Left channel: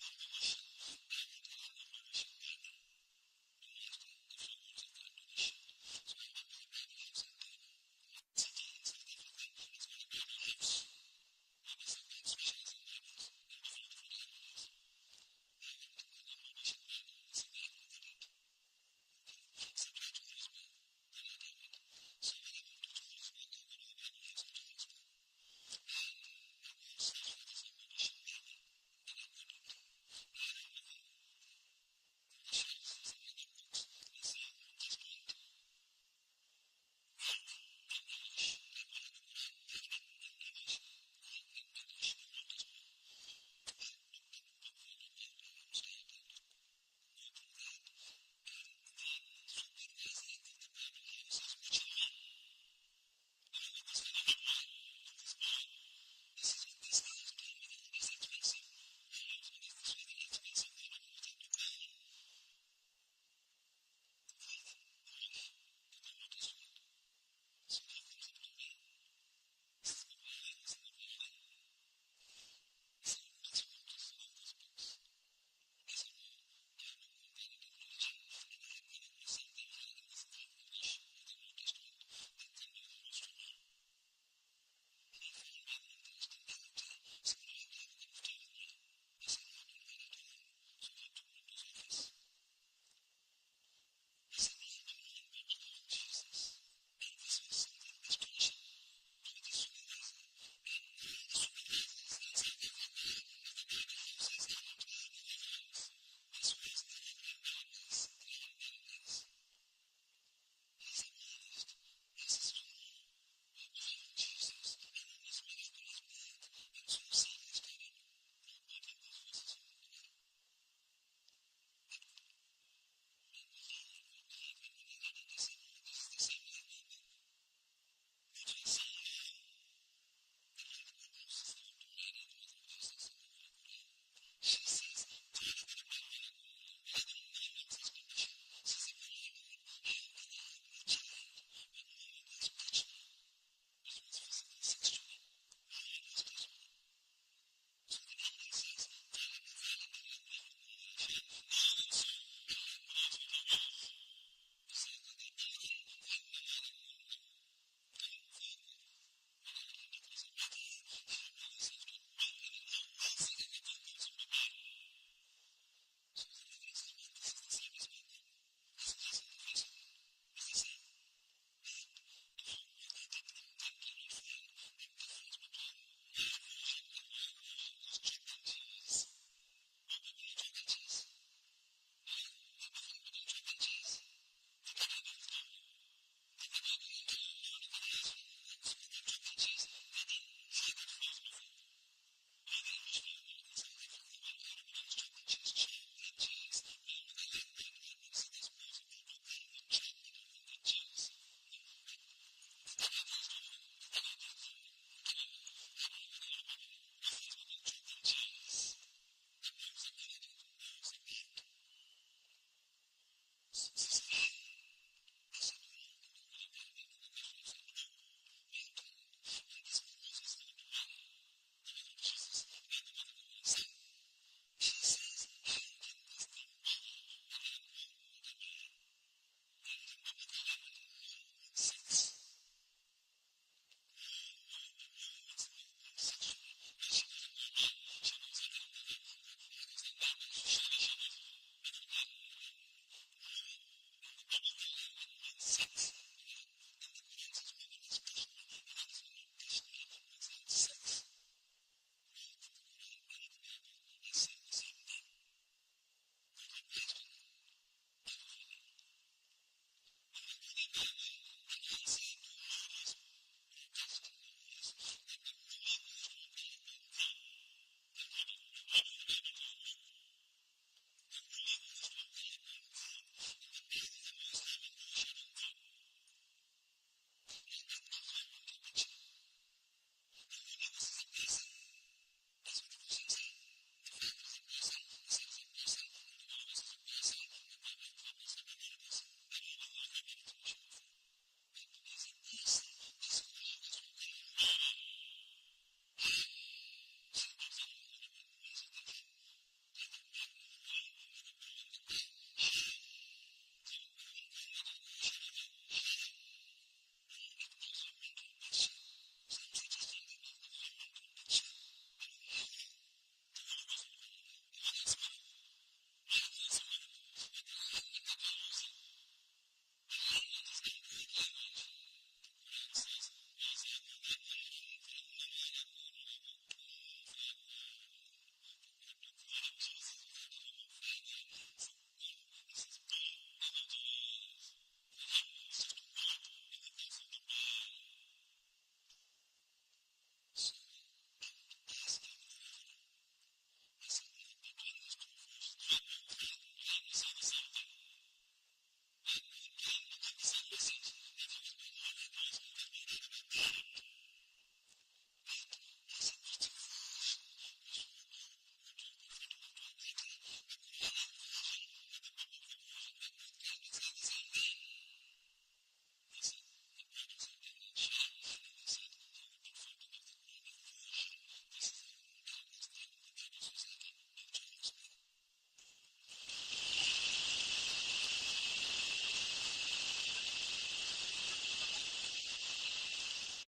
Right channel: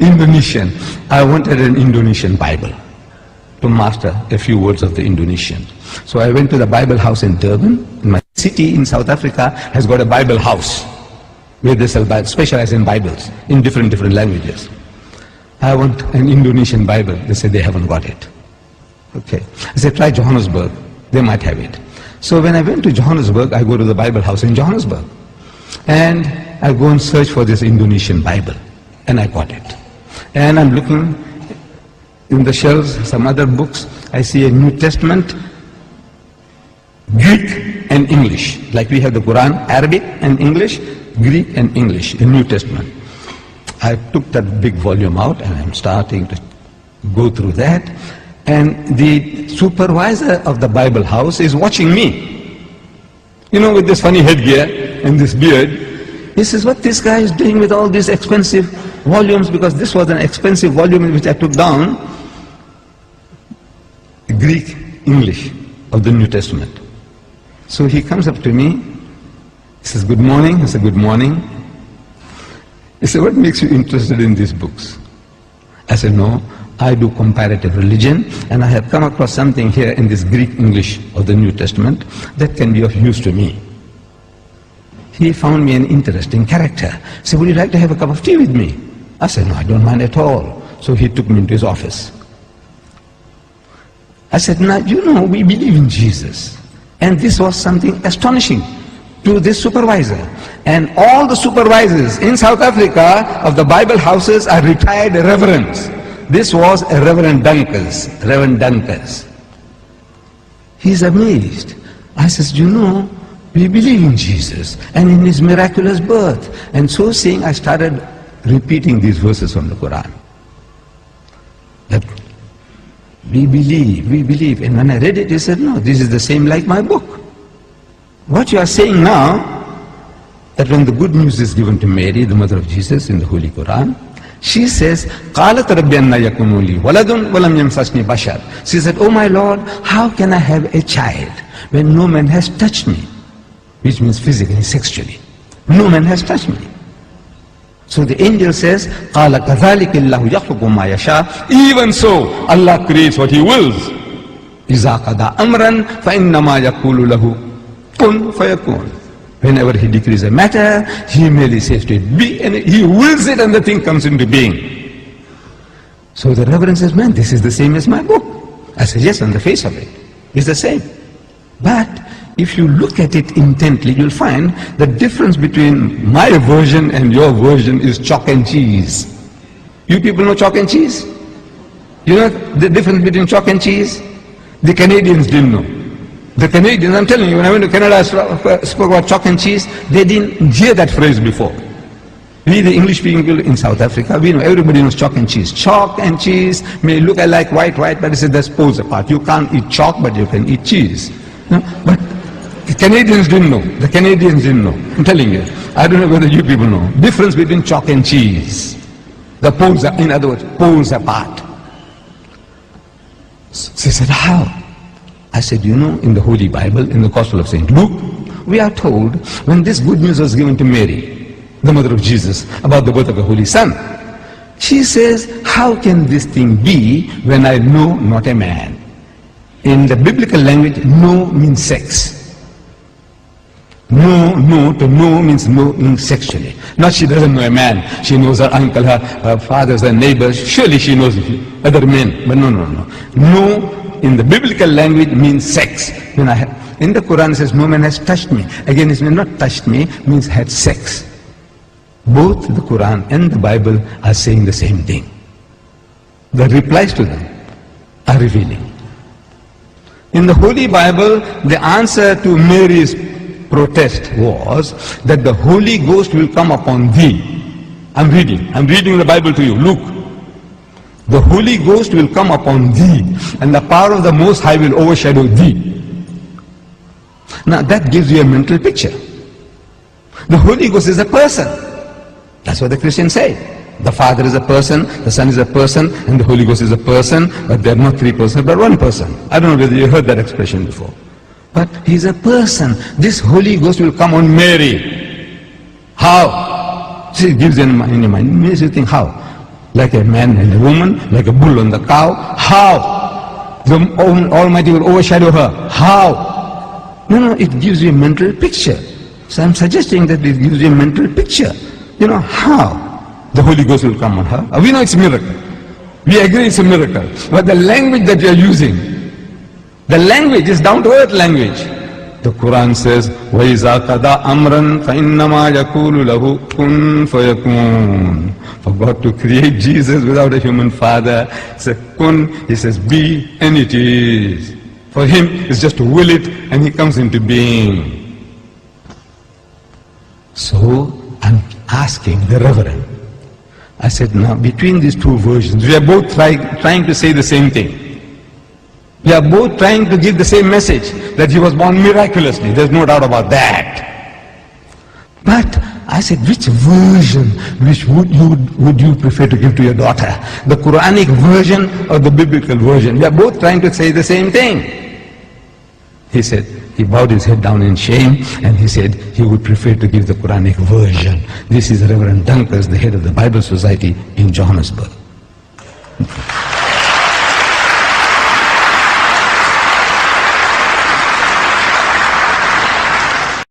Indonesian. I wanted an Indonesian Bible to master a few words of the Indonesian. So I went to the Bible house in Durban. My city in South Africa has got a Bible house where they specialize in Bibles in different languages. I want an Indonesian Bible. They said they haven't got it. Okay. I said, try Johannesburg. They might have it. So when I went to Johannesburg, I go to the Bible house in Johannesburg. And I go and search for this Indonesian Bible. And I got it. And I'm looking in the shelves, some other books. I see a New Testament, Greek and English. Like we have the Quran, Arabic and English, Greek and English, a New Testament. I took that big volume out and I'm starting to go through that. And the supervisor of the Bible house is watching me. You know, with this funny headgear and this beard. He says, what this guy is doing with all these expensive volumes, because this was an expensive volume which I took down, Greek, English of the New Testament. So he comes up to me, he says, good morning. I said, good morning. He said, what makes you interested in these books? I said, no, I do comparative religion, and I have come across something here in this Greek English of the New Testament that can be of use to me. He found me an interesting character. He said, would you like to have a cup of tea with me? I said, no, I don't mind at all. So he took me into his office. I said, now, you know, we believe in Jesus. And this was something astonishing to this supervisor. And all the supervisors in South Africa of the Bible houses are retired reverends. This was a Reverend Dunkers. He's amazed. I says, you know, we believe in Jesus and in his miraculous birth. And so saying, I started repeating these verses from the Quran. That we believe. And when I read it, he said, no, this is the same like my book. What you are saying now, that when the good news is given to Mary, the mother of Jesus, in the Holy Quran, she says, قَالَتْ رَبِّ أَنَّ يَكُونُ لِي وَلَدٌ وَلَمْ يَمْسَسْنِي بَشَرٌ. She said, oh my Lord, how can I have a child when no man has touched me? Which means physically, sexually. No man has touched me. So the angel says, قَالَ كَذَلِكِ اللَّهُ يَخْلُقُ مَا يَشَاءُ. Even so, Allah creates what He wills. إِذَا قَضَى أَمْرًا فَإِنَّمَا يَقُولُ لَهُ كُن فَيَكُونُ. Whenever He decrees a matter, He merely says to it, be, and He wills it and the thing comes into being. So the Reverend says, man, this is the same as my book. I said, yes, on the face of it, it's the same. But if you look at it intently, you'll find the difference between my version and your version is chalk and cheese. You people know chalk and cheese? You know the difference between chalk and cheese? The Canadians didn't know. The Canadians, I'm telling you, when I went to Canada, I spoke about chalk and cheese. They didn't hear that phrase before. We, the English people in South Africa, we know, everybody knows chalk and cheese. Chalk and cheese may look like white, but it's that's poles apart. You can't eat chalk, but you can eat cheese. No? But the Canadians didn't know. The Canadians didn't know. I'm telling you. I don't know whether you people know. Difference between chalk and cheese. The poles are, in other words, poles apart. She said, how? I said, you know, in the Holy Bible, in the Gospel of St. Luke, we are told when this good news was given to Mary, the mother of Jesus, about the birth of the Holy Son, she says, how can this thing be when I know not a man? In the biblical language, no means sex. No to know means knowing sexually. Not she doesn't know a man. She knows her uncle, her fathers, her neighbors. Surely she knows other men. But no. No in the biblical language means sex. In the Quran it says, no man has touched me. Again, it means not touched me, means had sex. Both the Quran and the Bible are saying the same thing. The replies to them are revealing. In the Holy Bible, the answer to Mary's protest was that the Holy Ghost will come upon thee. I'm reading the Bible to you. Look. The Holy Ghost will come upon thee, and the power of the Most High will overshadow thee. Now that gives you a mental picture. The Holy Ghost is a person. That's what the Christians say. The Father is a person, the Son is a person, and the Holy Ghost is a person, but they're not three persons, but one person. I don't know whether you heard that expression before. But He's a person. This Holy Ghost will come on Mary. How? See, it gives you in your mind. It makes you think, how? like a man and a woman, like a bull and the cow. How? The Almighty will overshadow her. How? No, it gives you a mental picture. So I'm suggesting that it gives you a mental picture. How? The Holy Ghost will come on her. We know it's a miracle. We agree it's a miracle. But the language that you are using, the language is down-to-earth language. The Quran says, وَإِذَا قَضَى أَمْرًا فَإِنَّمَا يَقُولُ لَهُ كُن فَيَكُونُ. For God to create Jesus without a human father, it's a kun, he says be, and it is. For him, it's just to will it, and he comes into being. So, I'm asking the Reverend, I said, now between these two versions, we are both trying to say the same thing. We are both trying to give the same message, that he was born miraculously. There's no doubt about that. But I said, which version would you prefer to give to your daughter? The Quranic version or the biblical version? We are both trying to say the same thing. He said, he bowed his head down in shame and he said he would prefer to give the Quranic version. This is Reverend Dunkers, the head of the Bible Society in Johannesburg.